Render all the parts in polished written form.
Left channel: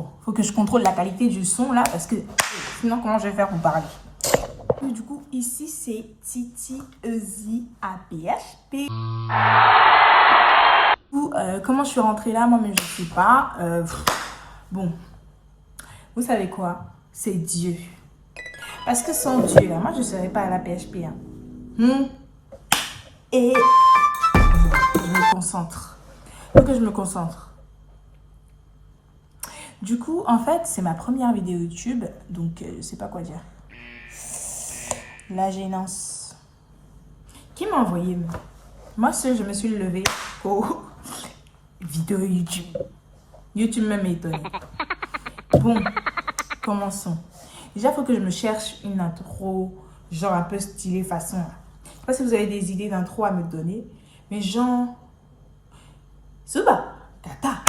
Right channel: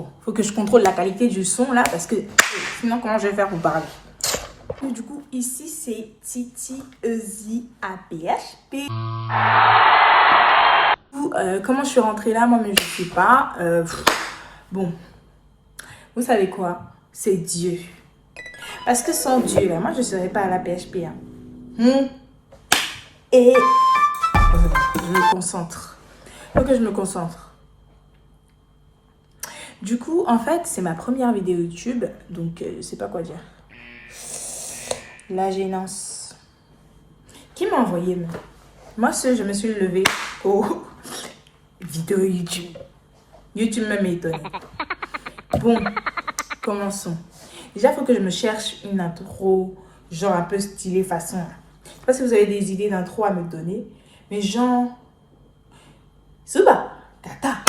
Bon, faut que je contrôle la qualité du son là parce que sinon comment je vais faire pour parler. Et du coup, ici c'est Titi Easy APHP. Comment je suis rentrée là, moi, mais je sais pas. Bon, vous savez quoi? C'est Dieu. Parce que sans Dieu, là, moi je ne serais pas à la PHP. Hein. Et je me concentre. Faut que je me concentre. Du coup, en fait, c'est ma première vidéo YouTube, donc je sais pas quoi dire. La gênance. Qui m'a envoyé moi, je me suis levée au vidéo YouTube. YouTube me m'étonne. Bon, commençons. Déjà, il faut que je me cherche une intro, genre un peu stylée façon. Je sais pas si vous avez des idées d'intro à me donner, mais genre... Suba, kata,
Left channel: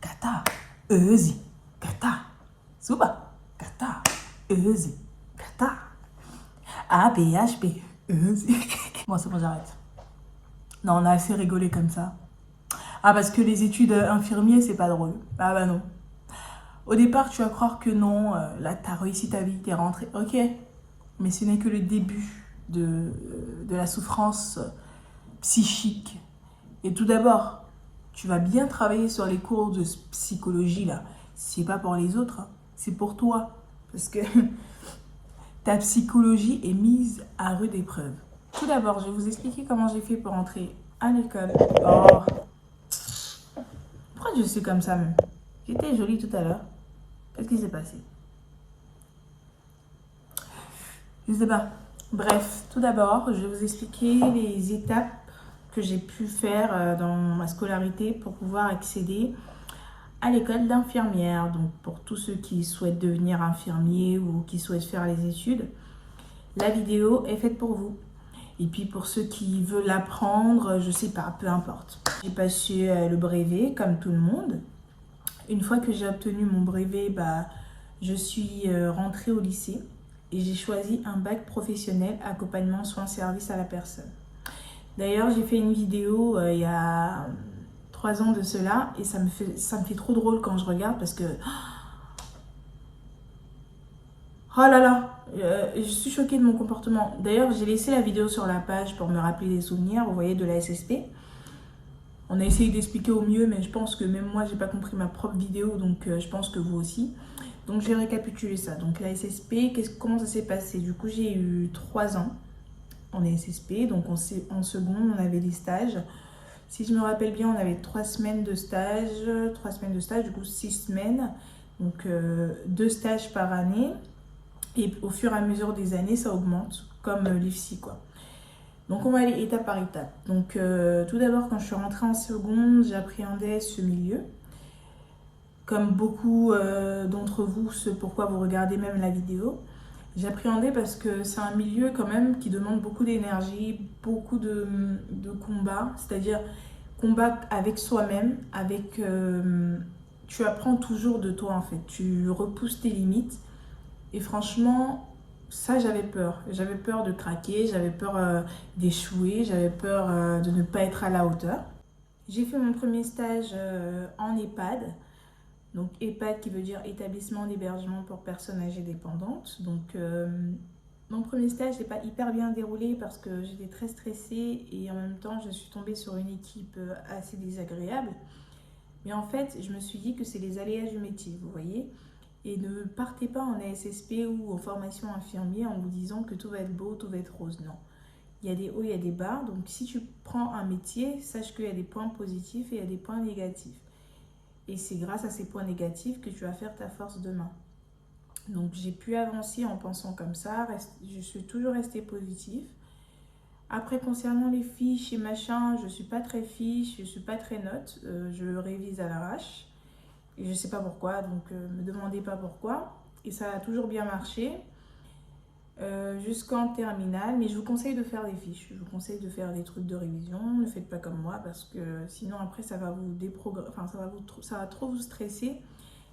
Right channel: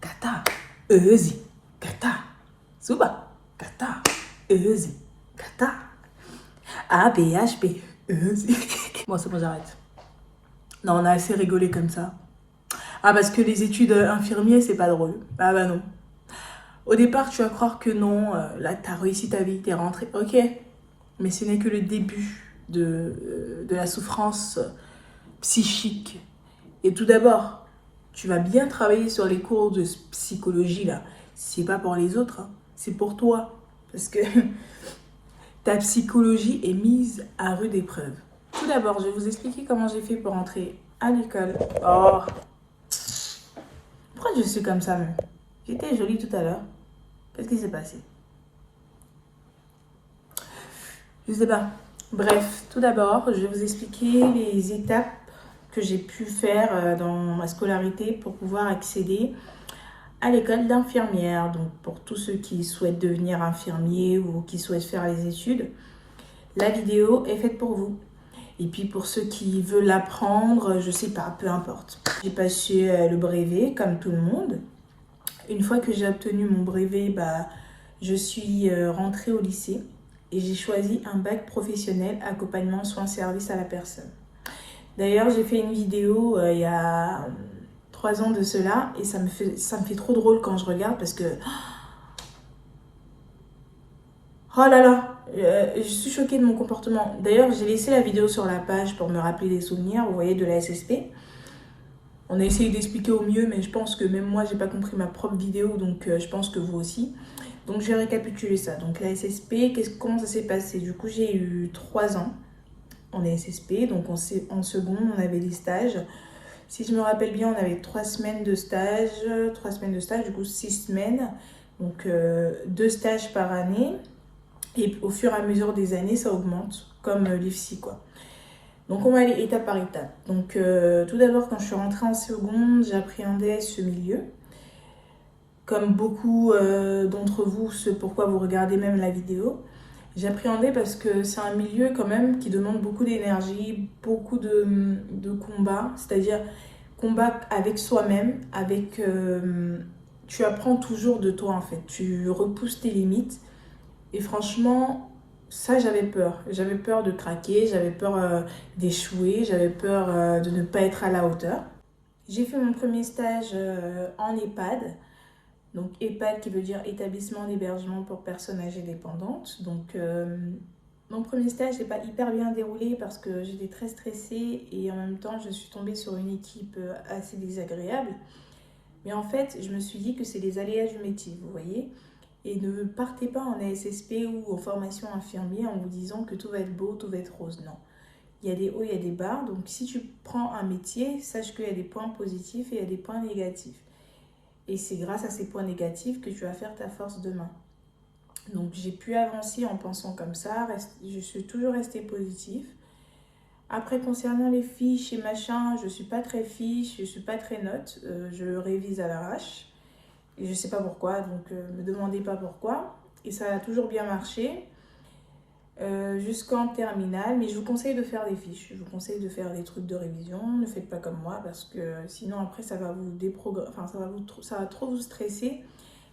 kata, ezi, kata, suba, kata, ezi, kata, APHP, ezi. Bon, c'est bon, j'arrête. Non, on a assez rigolé comme ça. Ah, parce que les études infirmiers, c'est pas drôle. Ah bah non. Au départ, tu vas croire que non, là, t'as réussi ta vie, t'es rentré. Ok, mais ce n'est que le début de la souffrance psychique. Et tout d'abord, tu vas bien travailler sur les cours de psychologie, là. C'est pas pour les autres, hein. C'est pour toi. Parce que ta psychologie est mise à rude épreuve. Tout d'abord, je vais vous expliquer comment j'ai fait pour entrer à l'école. Oh, pourquoi je suis comme ça, même? J'étais jolie tout à l'heure. Qu'est-ce qui s'est passé? Je sais pas. Bref, tout d'abord, je vais vous expliquer les étapes que j'ai pu faire dans ma scolarité pour pouvoir accéder à l'école d'infirmière. Donc, pour tous ceux qui souhaitent devenir infirmier ou qui souhaitent faire les études, la vidéo est faite pour vous. Et puis, pour ceux qui veulent apprendre, je sais pas, peu importe. J'ai passé le brevet, comme tout le monde. Une fois que j'ai obtenu mon brevet, je suis rentrée au lycée et j'ai choisi un bac professionnel, accompagnement, soins, services à la personne. D'ailleurs, j'ai fait une vidéo il y a 3 ans de cela et ça me fait trop drôle quand je regarde parce que... Oh là là, je suis choquée de mon comportement. D'ailleurs, j'ai laissé la vidéo sur la page pour me rappeler des souvenirs, vous voyez, de la SSP. On a essayé d'expliquer au mieux, mais je pense que même moi, j'ai pas compris ma propre vidéo, donc je pense que vous aussi. Donc, je vais récapituler ça. Donc, la SSP, comment ça s'est passé? Du coup, j'ai eu 3 ans en SSP. Donc, en seconde, on avait des stages. Si je me rappelle bien, on avait 3 semaines de stage. 3 semaines de stage, du coup, 6 semaines. Donc, 2 stages par année. Et au fur et à mesure des années, ça augmente, comme l'IFSI, quoi. Donc, on va aller étape par étape. Donc, tout d'abord, quand je suis rentrée en seconde, j'appréhendais ce milieu. Comme beaucoup d'entre vous, ce pourquoi vous regardez même la vidéo. J'appréhendais parce que c'est un milieu quand même qui demande beaucoup d'énergie, beaucoup de combat. C'est-à-dire combat avec soi-même, tu apprends toujours de toi en fait. Tu repousses tes limites. Et franchement... ça, j'avais peur. J'avais peur de craquer, j'avais peur d'échouer, j'avais peur de ne pas être à la hauteur. J'ai fait mon premier stage en EHPAD. Donc EHPAD qui veut dire établissement d'hébergement pour personnes âgées dépendantes. Donc mon premier stage n'est pas hyper bien déroulé parce que j'étais très stressée et en même temps je suis tombée sur une équipe assez désagréable. Mais en fait, je me suis dit que c'est les aléas du métier, vous voyez. Et ne partez pas en ASSP ou en formation infirmière en vous disant que tout va être beau, tout va être rose. Non. Il y a des hauts, il y a des bas. Donc, si tu prends un métier, sache qu'il y a des points positifs et il y a des points négatifs. Et c'est grâce à ces points négatifs que tu vas faire ta force demain. Donc, j'ai pu avancer en pensant comme ça. Je suis toujours restée positive. Après, concernant les fiches et machin, je ne suis pas très fiche, je ne suis pas très note. Je révise à l'arrache. Et je ne sais pas pourquoi, donc me demandez pas pourquoi. Et ça a toujours bien marché jusqu'en terminale. Mais je vous conseille de faire des fiches. Je vous conseille de faire des trucs de révision. Ne faites pas comme moi parce que sinon après ça va vous déprogrammer. Enfin, ça va trop vous stresser.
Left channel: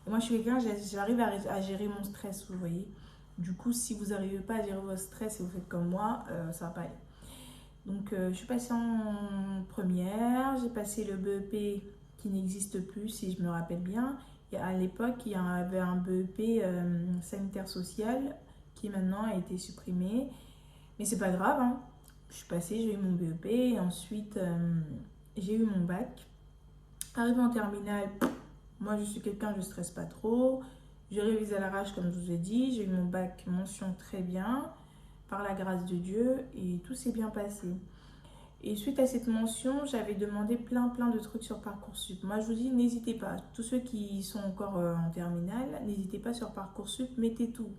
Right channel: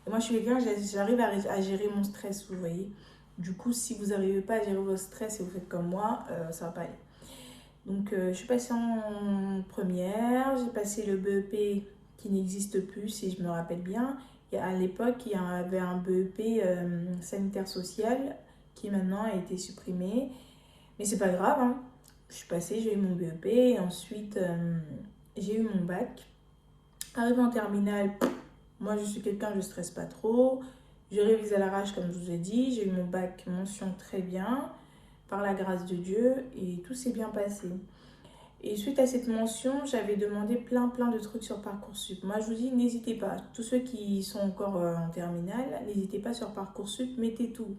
Et moi je suis quelqu'un, j'arrive à gérer mon stress, vous voyez. Du coup, si vous n'arrivez pas à gérer votre stress et vous faites comme moi, ça va pas aller. Donc je suis passée en première. J'ai passé le BEP qui n'existe plus si je me rappelle bien. À l'époque, il y avait un BEP sanitaire social qui maintenant a été supprimé. Mais c'est pas grave, hein. Je suis passée, j'ai eu mon BEP et ensuite j'ai eu mon bac. Arrivé en terminale, moi je suis quelqu'un, je ne stresse pas trop. Je révise à l'arrache comme je vous ai dit. J'ai eu mon bac mention très bien, par la grâce de Dieu, et tout s'est bien passé. Et suite à cette mention, j'avais demandé plein de trucs sur Parcoursup. Moi je vous dis, n'hésitez pas. Tous ceux qui sont encore en terminale, n'hésitez pas sur Parcoursup, mettez tout.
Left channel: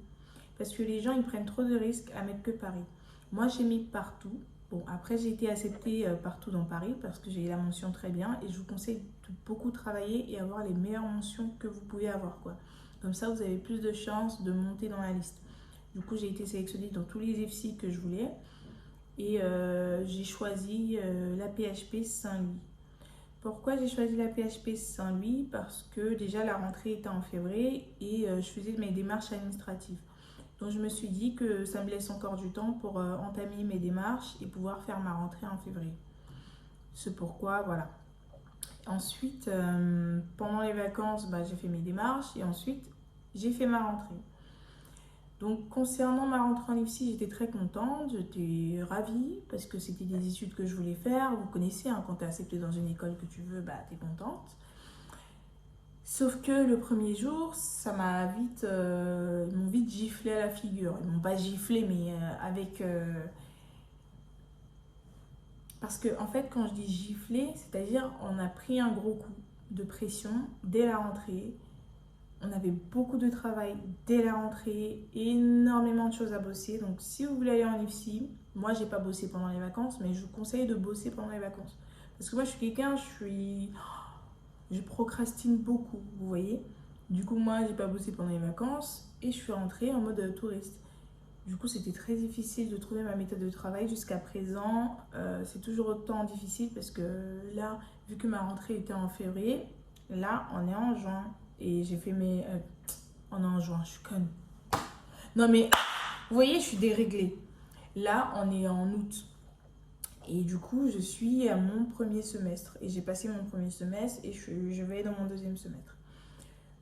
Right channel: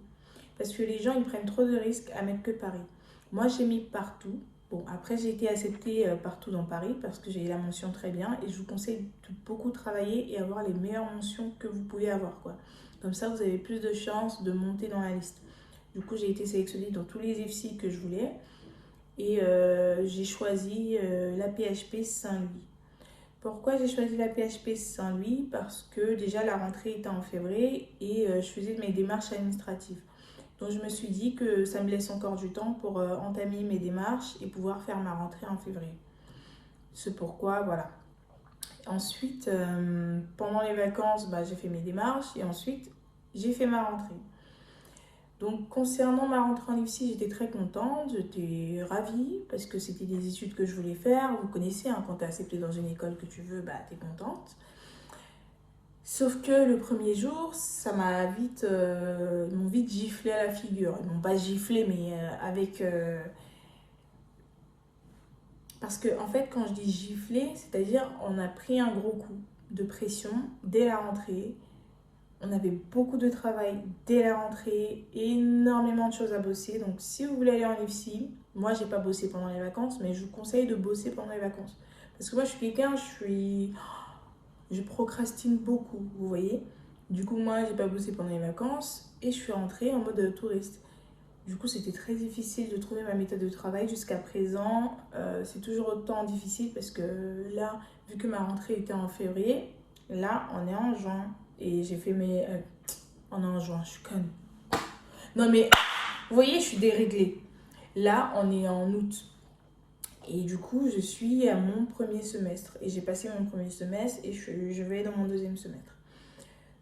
Parce que les gens, ils prennent trop de risques à mettre que Paris. Moi, j'ai mis partout. Bon, après, j'ai été acceptée partout dans Paris parce que j'ai eu la mention très bien. Et je vous conseille de beaucoup travailler et avoir les meilleures mentions que vous pouvez avoir, quoi. Comme ça, vous avez plus de chances de monter dans la liste. Du coup, j'ai été sélectionnée dans tous les IFSI que je voulais. Et j'ai choisi la PHP Saint-Louis. Pourquoi j'ai choisi la PHP Saint-Louis? Parce que déjà, la rentrée était en février et je faisais mes démarches administratives. Donc je me suis dit que ça me laisse encore du temps pour entamer mes démarches et pouvoir faire ma rentrée en février. C'est pourquoi, voilà. Ensuite, pendant les vacances, j'ai fait mes démarches et ensuite, j'ai fait ma rentrée. Donc concernant ma rentrée en IFSI, j'étais très contente, j'étais ravie parce que c'était des études que je voulais faire. Vous connaissez, hein, quand tu es acceptée dans une école que tu veux, tu es contente. Sauf que le premier jour, ça m'a vite, ils m'ont vite giflé à la figure. Ils m'ont pas giflé, mais avec... Parce que en fait, quand je dis giflé, c'est-à-dire on a pris un gros coup de pression dès la rentrée. On avait beaucoup de travail dès la rentrée, énormément de choses à bosser. Donc si vous voulez aller en IFSI, moi j'ai pas bossé pendant les vacances, mais je vous conseille de bosser pendant les vacances. Parce que moi je suis quelqu'un, je procrastine beaucoup, vous voyez. Du coup, moi, j'ai pas bossé pendant les vacances et je suis rentrée en mode touriste. Du coup, c'était très difficile de trouver ma méthode de travail jusqu'à présent. C'est toujours autant difficile parce que là, vu que ma rentrée était en février, là, on est en juin. Et j'ai fait mes... on est en juin, je suis conne. Non mais, vous voyez, je suis déréglée. Là, on est en août. Et du coup, je suis à mon premier semestre. Et j'ai passé mon premier semestre et je vais dans mon deuxième semestre.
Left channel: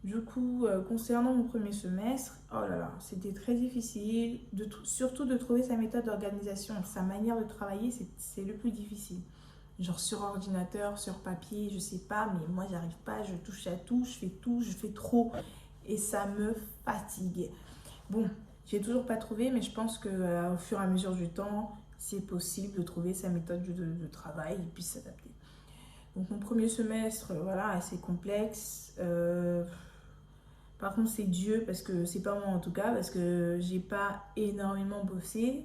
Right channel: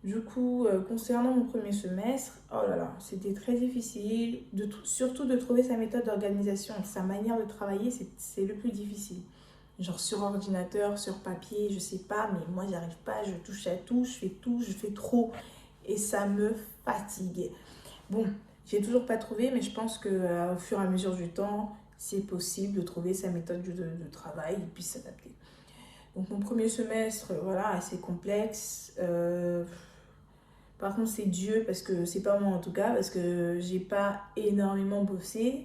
Du coup, concernant mon premier semestre, oh là là, c'était très difficile. Surtout de trouver sa méthode d'organisation, sa manière de travailler, c'est le plus difficile. Genre sur ordinateur, sur papier, je sais pas, mais moi, j'y arrive pas. Je touche à tout, je fais trop. Et ça me fatigue. Bon, j'ai toujours pas trouvé, mais je pense qu'au fur et à mesure du temps, c'est possible de trouver sa méthode de travail et puis s'adapter. Donc mon premier semestre, voilà, assez complexe. Par contre, c'est Dieu, parce que c'est pas moi en tout cas, parce que j'ai pas énormément bossé.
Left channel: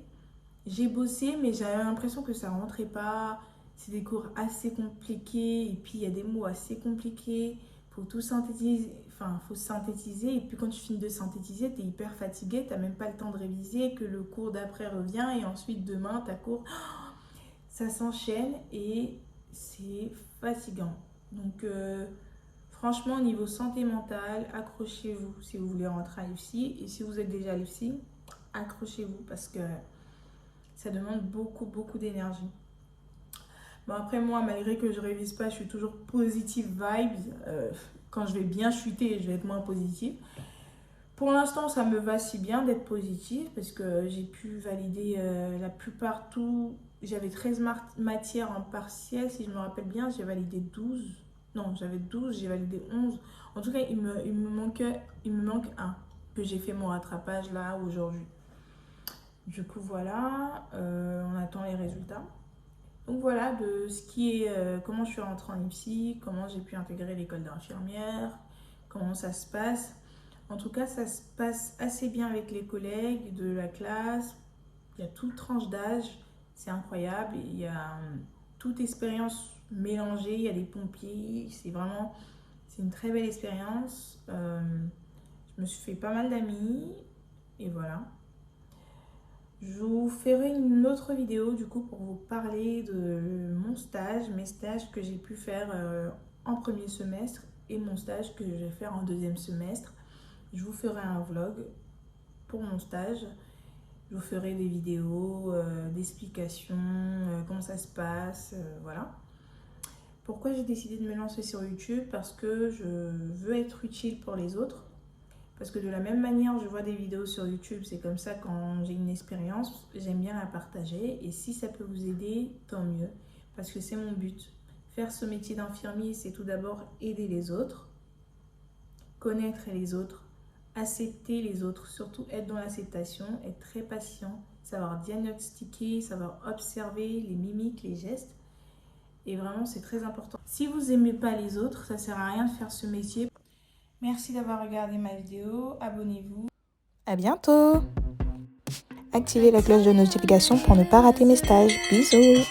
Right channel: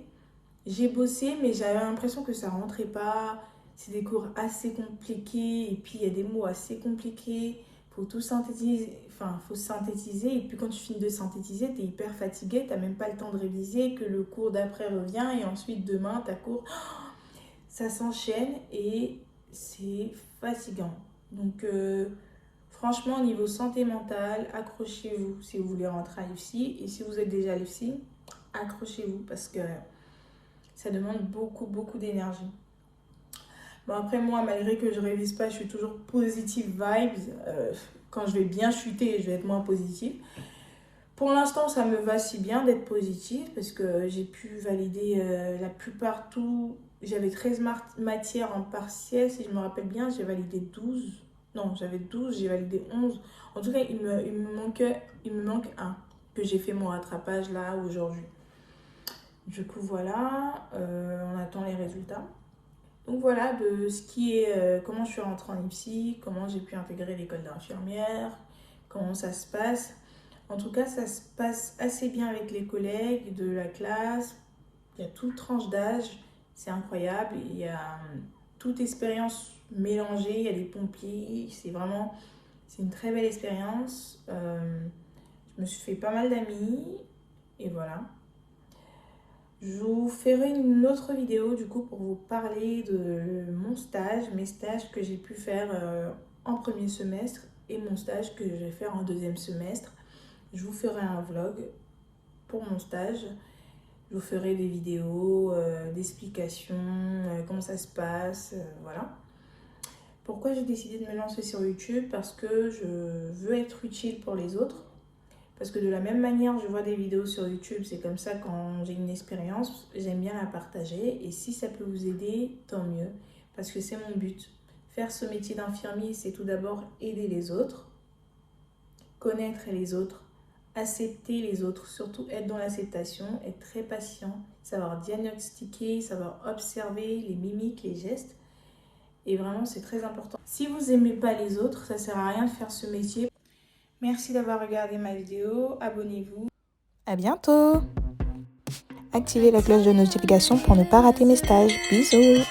J'ai bossé, mais j'avais l'impression que ça rentrait pas. C'est des cours assez compliqués, et puis il y a des mots assez compliqués. Faut tout synthétiser, enfin, faut synthétiser, et puis quand tu finis de synthétiser, t'es hyper fatigué, t'as même pas le temps de réviser, que le cours d'après revient, et ensuite demain, t'as cours. Ça s'enchaîne, et c'est fatigant. Donc, franchement, niveau santé mentale, accrochez-vous si vous voulez rentrer à l'IFSI. Et si vous êtes déjà à l'IFSI, accrochez-vous parce que ça demande beaucoup d'énergie. Bon, après, moi, malgré que je révise pas, je suis toujours positive vibes. Quand je vais bien chuter, je vais être moins positive. Pour l'instant, ça me va si bien d'être positive parce que j'ai pu valider la plupart tout. J'avais 13 matières en partiel, si je me rappelle bien, j'ai validé 12. Non, j'avais 12, j'ai validé 11. En tout cas, il me manque un que j'ai fait mon rattrapage là aujourd'hui. Du coup, voilà, on attend les résultats. Donc voilà, de ce qui est, comment je suis rentrée en IPSI, comment j'ai pu intégrer l'école d'infirmière, comment ça se passe. En tout cas, ça se passe assez bien avec les collègues de la classe. Il y a toute tranche d'âge, c'est incroyable. Il y a toute expérience mélangée, il y a des pompiers. C'est une très belle expérience. Je me suis fait pas mal d'amis et voilà. Je vous ferai une autre vidéo du coup pour vous parler de mon stage, mes stages que j'ai pu faire en premier semestre et mon stage que je vais faire en deuxième semestre. Je vous ferai un vlog pour mon stage. Je vous ferai des vidéos, d'explications, comment ça se passe, voilà. Pourquoi j'ai décidé de me lancer sur YouTube? Parce que je veux être utile pour les autres. Parce que de la même manière, je vois des vidéos sur YouTube, c'est comme ça quand j'ai une expérience, j'aime bien la partager. Et si ça peut vous aider, tant mieux. Parce que c'est mon but. Faire ce métier d'infirmier, c'est tout d'abord aider les autres, connaître les autres, accepter les autres, surtout être dans l'acceptation, être très patient, savoir diagnostiquer, savoir observer les mimiques, les gestes. Et vraiment, c'est très important. Si vous n'aimez pas les autres, ça ne sert à rien de faire ce métier. Merci d'avoir regardé ma vidéo. Abonnez-vous. À bientôt! Activez la cloche de notification pour ne pas rater mes stages. Bisous!